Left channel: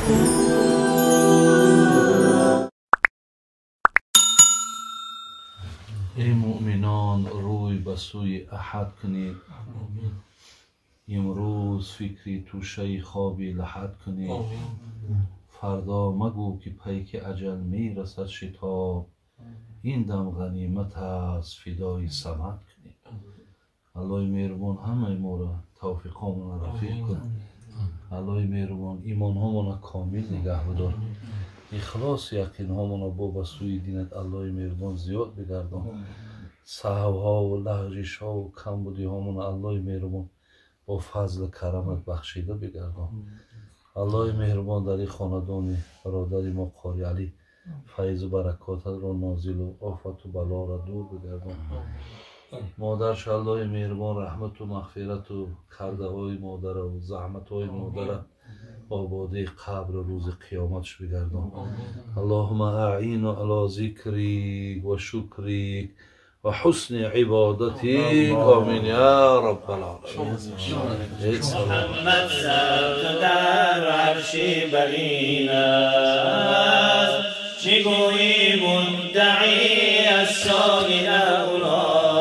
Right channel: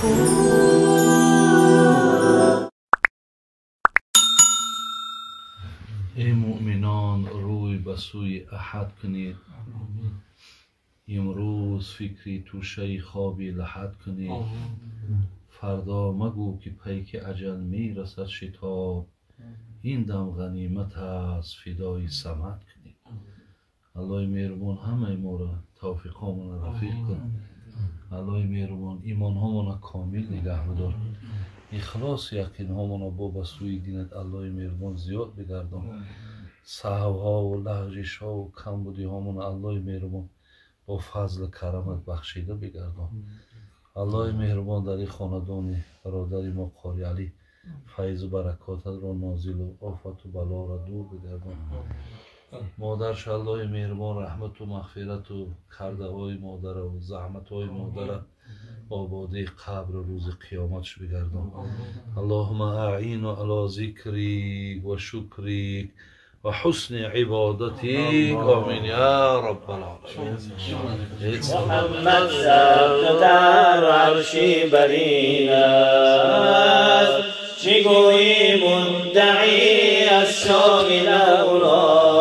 ای مؤمنان روی به سوی احد کنید. امروز فکری توشه خوابی لحد کنید. فردا مگو که پیک اجل می رسد شتاب. این دم غنیمت است فدای صمد کنید. الله مهربان همه ما را توفیقامون رفیق کن. الله مهربان ایمان هامون کامل نگه بدار. اخلاص یقین هامون با به سوی دینت الله مهربان زیاد بگردان. سهو ها و لغزش ها و کمبودی هامون الله مهربان با فضل کرمت بخشیده بگردان. الله مهربان در این خاندان برادر ما قاری علی فیض و برکاتت را نازل و آفت و بلا را دور بگردان. مادرش الله مهربان رحمت و مغفرت و کرده های مادر و زحمت های مادر آباده قبر روز قیامتش بگردان. اللهم اعین علی ذکریک و شکریک و حسن عبادتیک. آمین یا رب العالمین. محمد ثبت در عرشی برین است، چگویی مدعی از شامل اولا.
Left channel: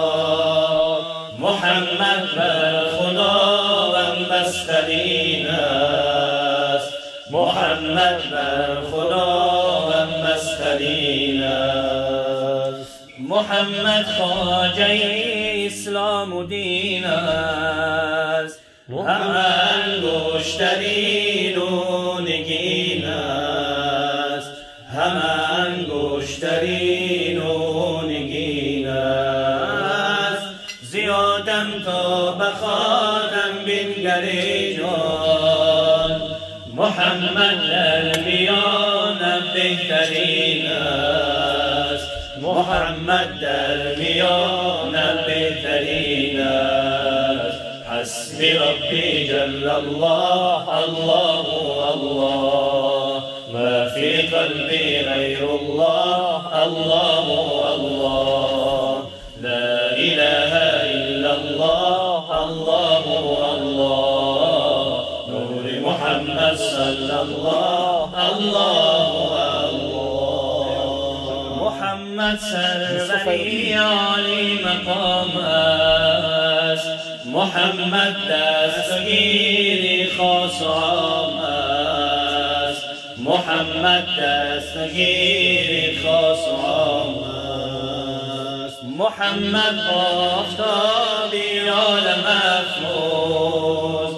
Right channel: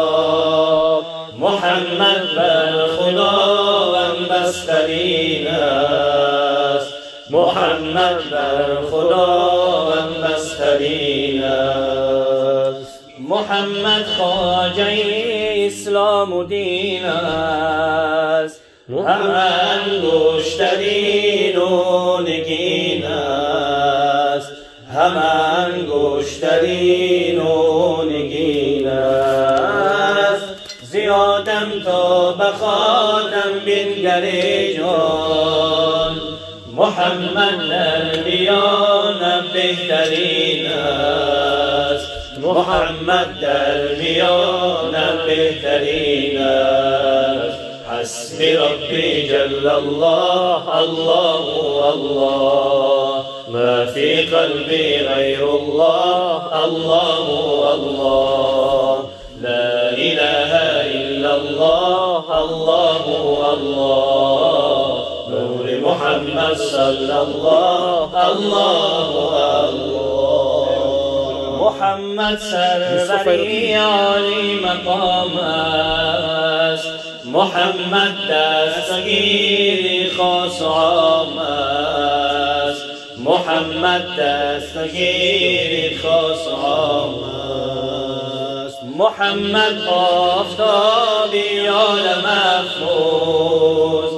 محمد بر خداوند بسترین است، محمد بر خداوند بسترین است. محمد خواجه اسلام و دین است، همه انگشترین و نگین است، همه انگشترین و نگین است. زیادم تا بخاتم بنگری جان، محمد در میان بهترین است، محمد در میان بهترین است. حسبی ربی جل الله الله الله، ما فی قلبی غیر الله الله الله. لا اله الا الله الله الله، نور محمد صلی الله الله الله. محمد سروری عالی مقام است، محمد دستگیری خاص عام است، محمد دستگیری خاص عام است. محمد آفتابی عالم افروز،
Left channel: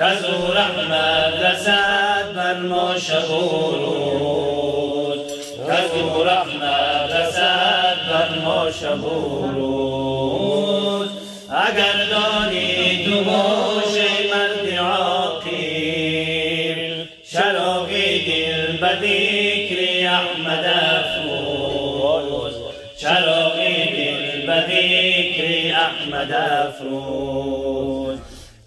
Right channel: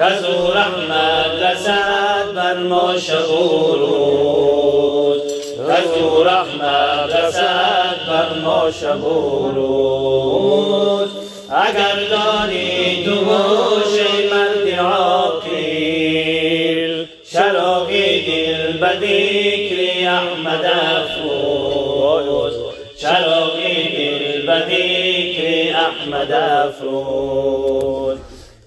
کز او رحمت رسد بر ما شب و روز، کز او رحمت رسد بر ما شب و روز. اگر داری تو گوش مرد عاقل، چراغی دل به ذکر احمد افروز، چراغی دل به ذکر احمد افروز.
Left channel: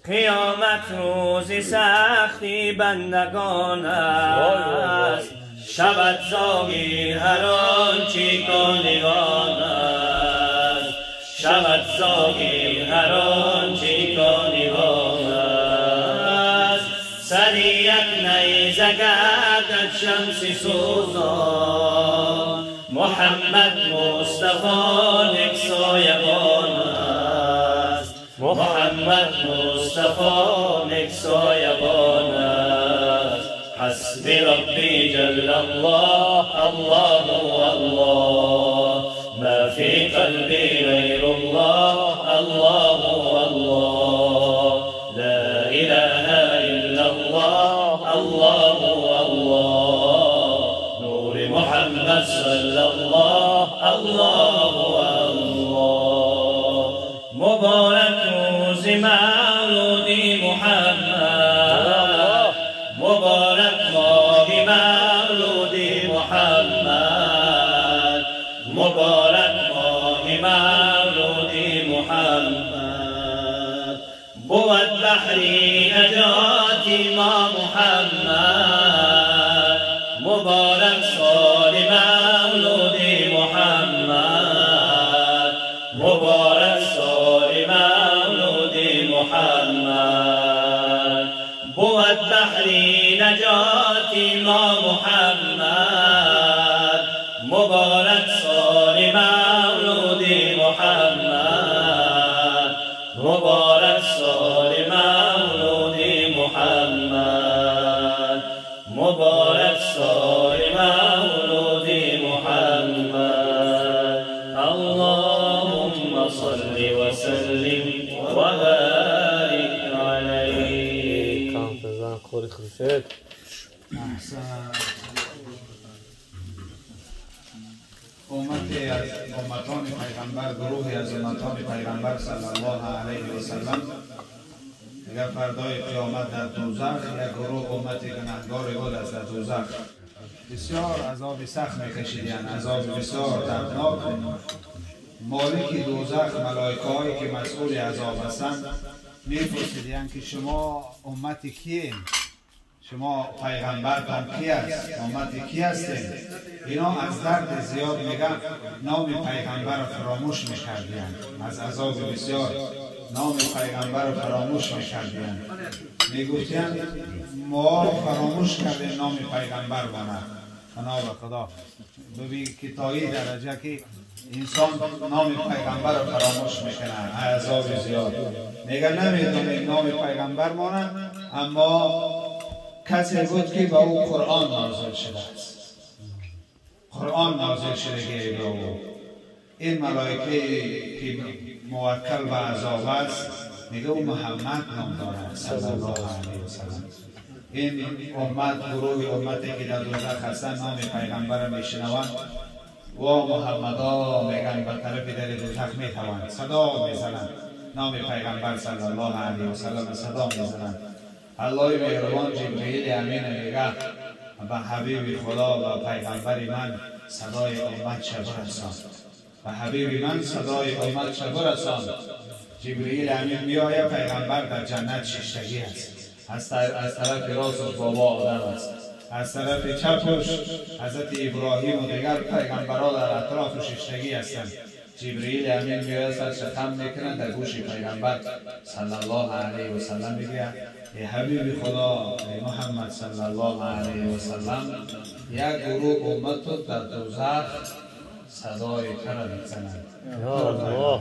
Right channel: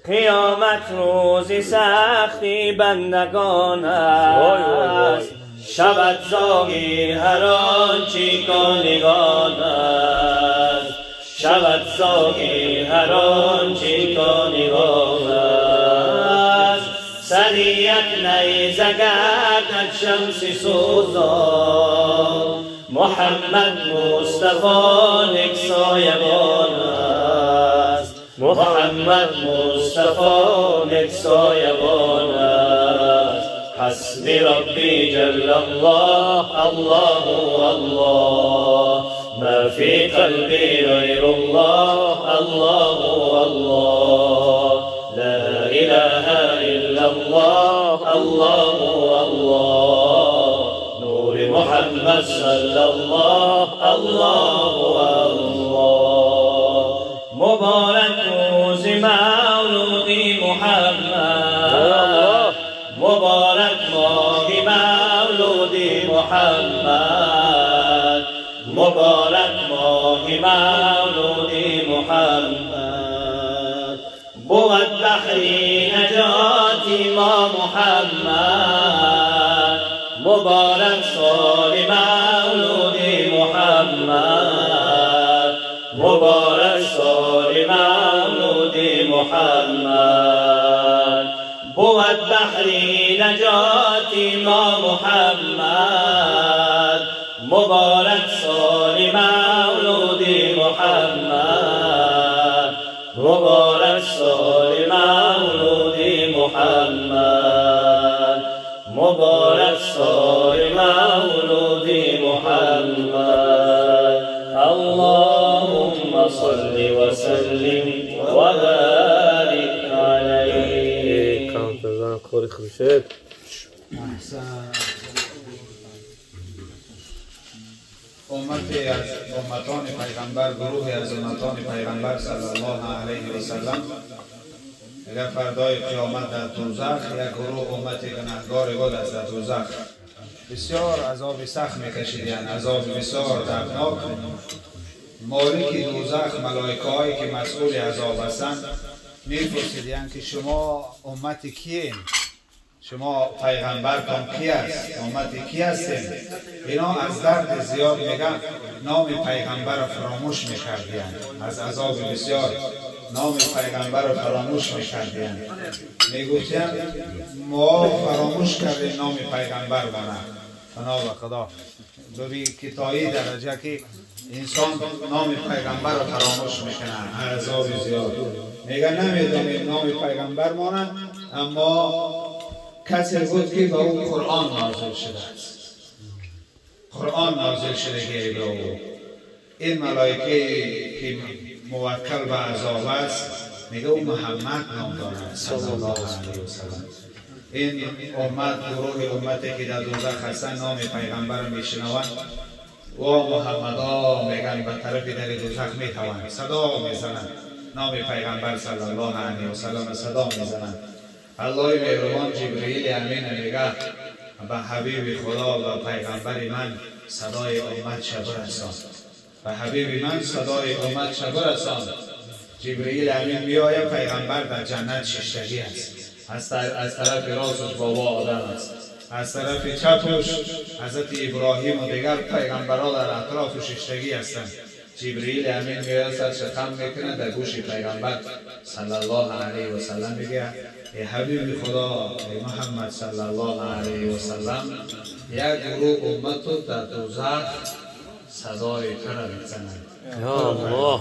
قیامت روزی سختی بندگان است، شود زاغی هر آنچه کانگان است، شود زاغی هر آنچه کانگان است. سری یک نیزه گردد شمس سوزان، محمد مصطفی یک سایبان است، محمد مصطفی یک سایبان است. حسبی ربی جل الله الله الله، ما فی قلبی غیر الله الله الله. لا اله الا الله الله الله، نور محمد صلی الله الله الله. مبارک روز مولودی محمد، مبارک ماه مولودی محمد، مبارک ماه مولودی محمد. بود بحری نجاتی ما محمد، مبارک سال مولودی محمد، مبارک سال مولودی محمد. بود بحر نجات ما محمد مبارک سال مولود محمد مبارک سال مولود محمد مبارک سال مولود محمد اللهم صل وسلم وبارك عليه. امتی از امتان پیغمبر، گروهی از امتان پیغمبر صلی الله علیه و سلم اگر فردای قیامت در دوزخ، یک گروه امت گناهگار بود از در دوزخ بسیار عذاب سخت میکشیدند، عذاب بسیار دردناک. مالک دوزخ، ملائکه هایی که مسئول عذاب هستند میپرسیدند که شما امت کیین؟ شما پیغمبرتان کی است؟ امت کی هستین؟ اینا از درد زیاد میگن نام پیغمبر را فراموش میکردند، از عذاب بسیار نام پیغمبر را فراموش میکردند. میگویند ما فراموش کردیم نام پیغمبر مانه. بنا به خدا ببین که تا این درجه که انسان نام پیغمبر را فراموش میکنه، عذاب زیاد. میگن نمیدونیم نام پیغمبر مانه، اما کسی بود که با او قرآن نازل شده است. قرآن نازل شده که بود. این ملائکه که موکل به عذاب است میگه او محمد نام دارد صلی الله علیه و سلم. این امت، گروه امتی که در دوزخ هستند نام پیغمبر را میشنوند و محمدا میگن به طرف در دوزخ میتوند صدا میزنند، نام پیغمبر صلی الله علیه و سلم صدا میزنند. الله مهربان جبرئیل امین میگه به حبیب خدا و پیغمبر من صدای امت شبر رسان، به حبیب من صدای امت شبر رسان. جبرئیل امین میآید، پیغمبر در جنت ششتگی است، از طرف راستش بابا آدم است، از طرف چپش حضرت ابراهیم و دیگر پیغمبرها در اطراف ششتگی هستند. جبرئیل امین میآید، شتم میکنه در گوش پیغمبر صلی الله علیه و سلم میگه ای حبیب خدا، ای محمد صلی الله علیه و سلم، یک گروه امت در دوزخ صدای تر میزنند. یا الله.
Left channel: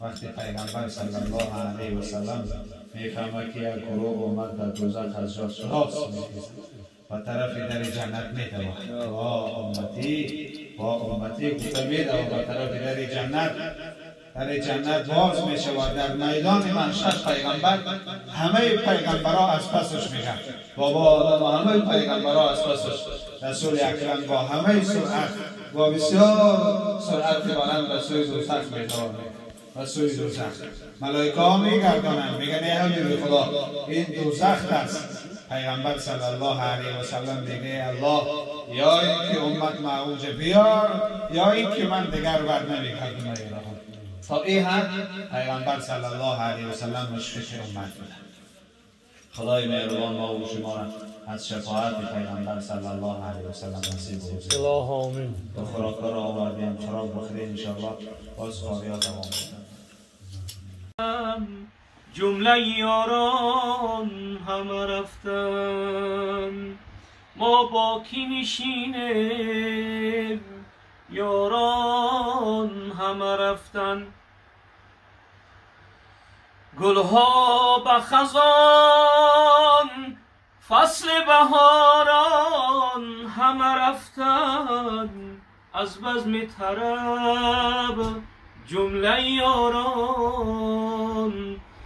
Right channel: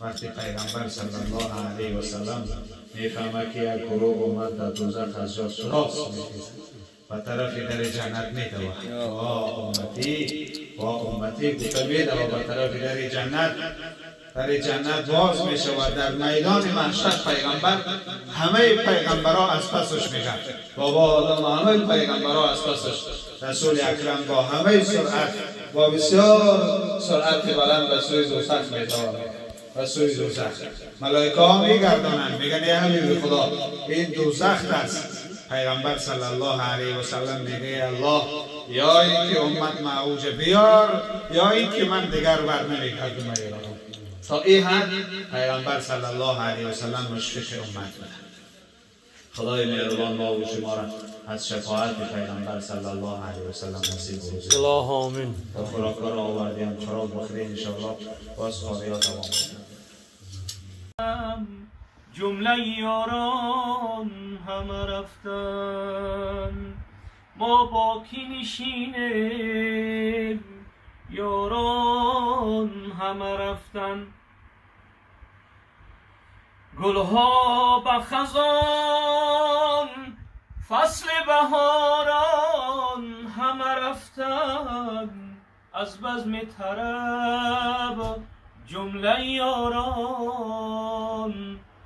وقتی پیغمبر صلی الله علیه و سلم میفهمه که یک گروه امت در دوزخ از جا سراغ میکشد و طرف در جنت میدوه، با امتی گفته میدوه به طرف در جنت. در جنت باز می شود. در میدان محشر پیغمبر همه پیغمبرها از پسش میگن، بابا آدم همه پیغمبرها از پسش، رسول اکرم با همه سرعت، با بسیار سرعت بلند به سوی دوزخ میتوانه، به سوی دوزخ. ملائکه ها میگردانند میگن ای حبیب خدا این دوزخ است. پیغمبر صلی الله علیه و سلم میگه الله، یا این که امت معوج بیار، یا این که من دیگر بر نمیکردم ایران. تا این حد پیغمبر صلی الله علیه و سلم مشفق امت بوده. خدای مهربان ما و شما را از شفاعت پیغمبر صلی الله علیه و سلم نصیب بکنه. الله آمین. تا خوراک‌ها را آوردیم، خوراک بخورید ان شاء الله، باز خواهی‌ها تمام کنیم. جمله یاران همه رفتن، ما با کی نشینیم؟ یاران همه رفتن. گلها به خزان، فصل بهاران همه رفتن، از بزم طرب جمله یاران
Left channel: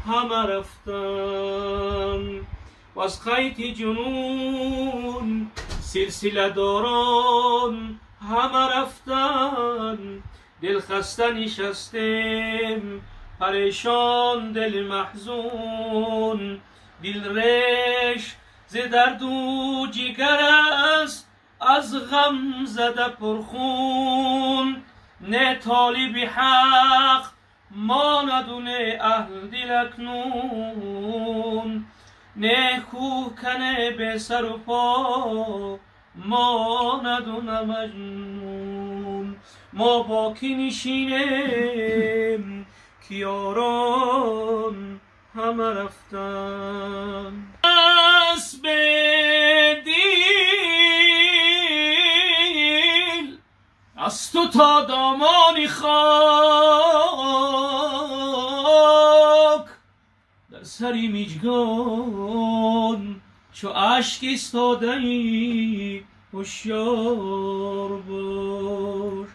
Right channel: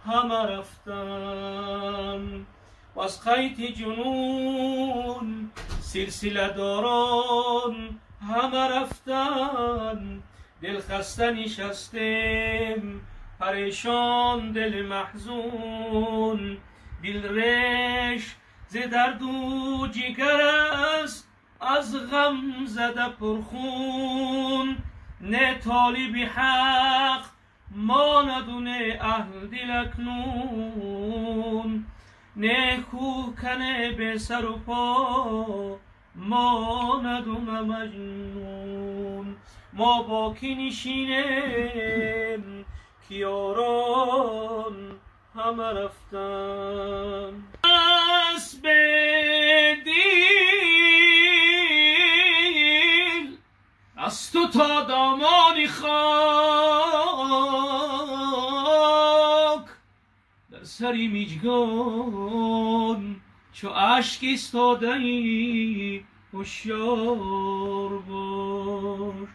همه رفتن. و از خیط جنون سلسله داران همه رفتن. دل خسته نشستیم پریشان، دل محزون، دل ریش ز درد و جگر است، از غم زده پرخون. نه طالب حق ماند و نه اهل دل اکنون، نه کوهکن به سر و پا ماند و نه مجنون. ما با کی نشینیم که یاران همه رفتن. اسب دیل از تو تا دامانی خاک، در سری میجگان چو اشک ایستاده ای هوشیار باش.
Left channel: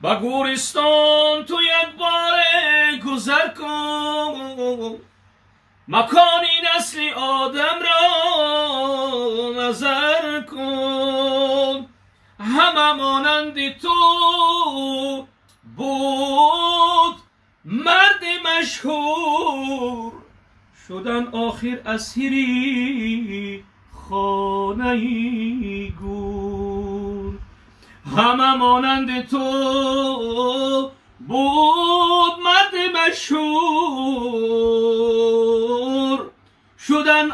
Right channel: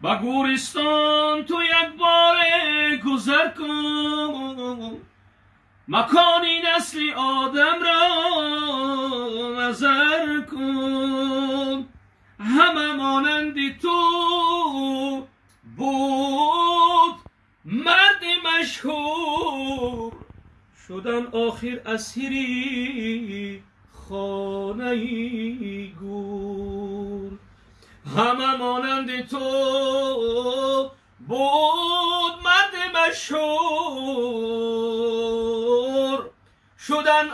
با گورستان تو یک بار گذر کن، مکانی نسل آدم را نظر کن. همه مانند تو بود مرد مشهور، شدن آخر اسیری خانه گور. همه مانند تو بود مرد مشهور، شدن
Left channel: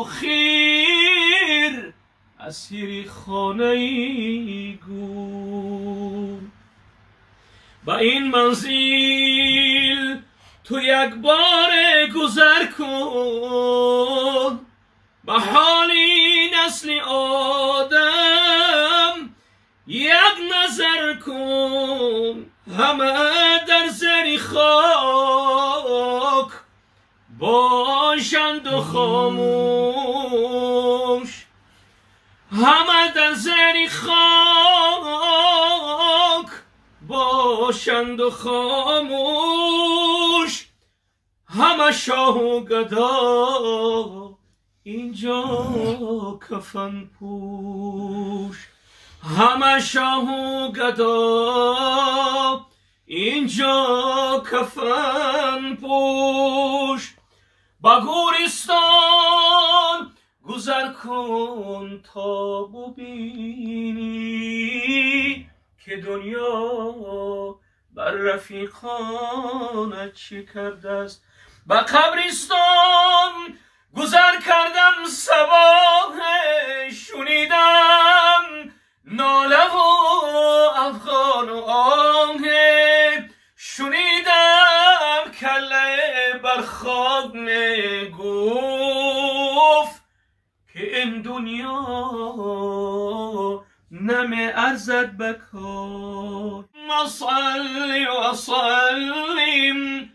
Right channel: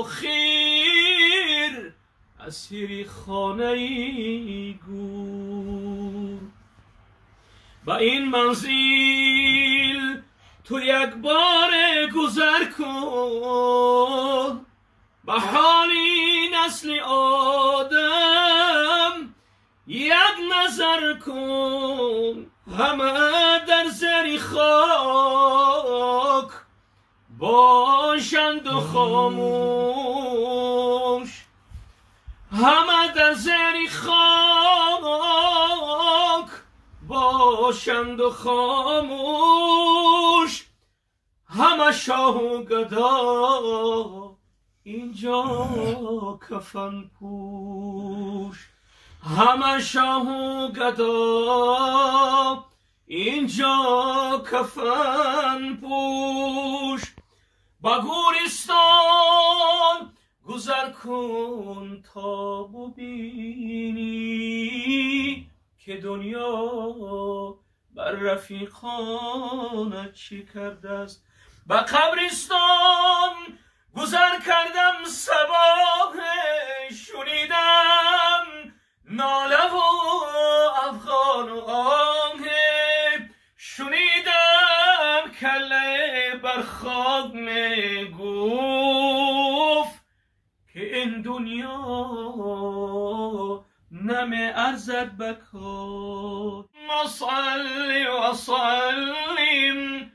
آخر اسیر خانه گور. با این منزل تو یک بار گذر کن، به حالی نسل آدم یک نظر کن. همه در زیر خاک باشند و خاموش، همه در زیر خاک باشند و خاموش. همه شاه و گدا اینجا کفن پوش، همه شاه و گدا اینجا کفن پوش. با گورستان گذر کن تا ببینی که دنیا بر رفیقانت چه کرده است. با قبرستان گذر کردم صباح شنیدم ناله و افغان و آهه، شنیدم کله بر خاک میگفت که این دنیا نمی ارزد بکار. صلی و سلم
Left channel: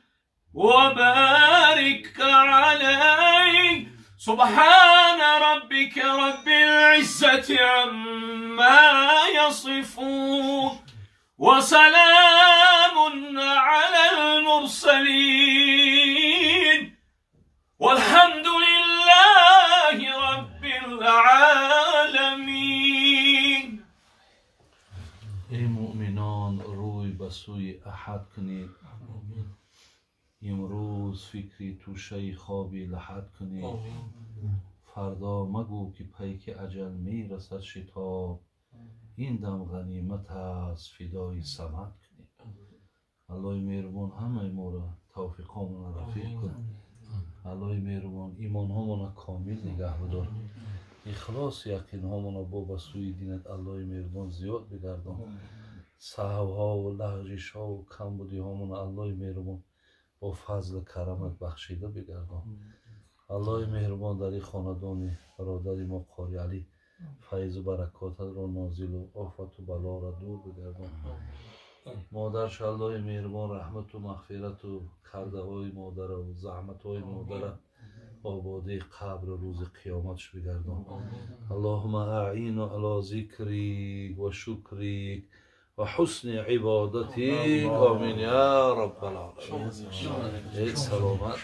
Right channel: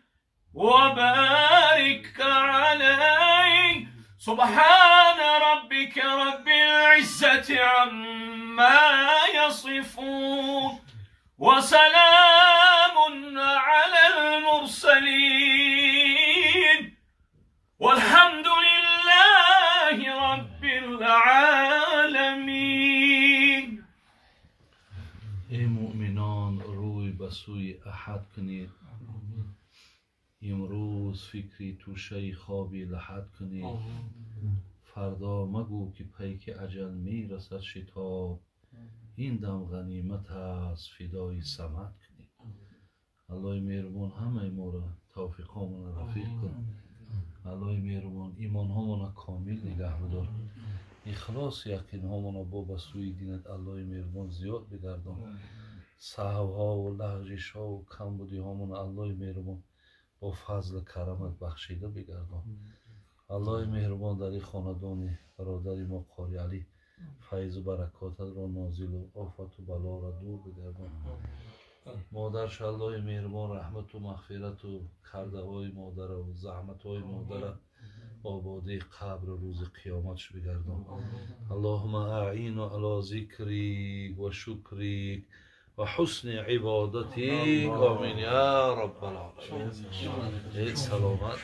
و بارک علی سبحان ربك رب العزة عما يصفون وسلام على المرسلين والحمد لله رب العالمين. ای مؤمنان روی به سوی احد کنید، امروز فکری توشه خوابی لحد کنید. فردا مگو که پیک اجل می رسد شتاب، این دم غنیمت است فدای صمد کنید. الله مهربان همه ما را توفیقامون رفیق کن. الله مهربان ایمان هامون کامل نگه بدار، اخلاص یقین هامون با به سوی دینت الله مهربان زیاد بگردان. سهو ها و لغزش ها و کمبودی هامون الله مهربان با فضل کرمت بخشیده بگردان. الله مهربان در این خاندان برادر ما قاری علی فیض و برکاتت را نازل و آفت و بلا را دور بگردان. مادرش الله مهربان رحمت و مغفرت و کرده های مادر و زحمت های مادر آباده قبر روز قیامتش بگردان. اللهم اعین علی ذکریک و شکریک و حسن عبادتیک. آمین یا رب العالمین. سلامت.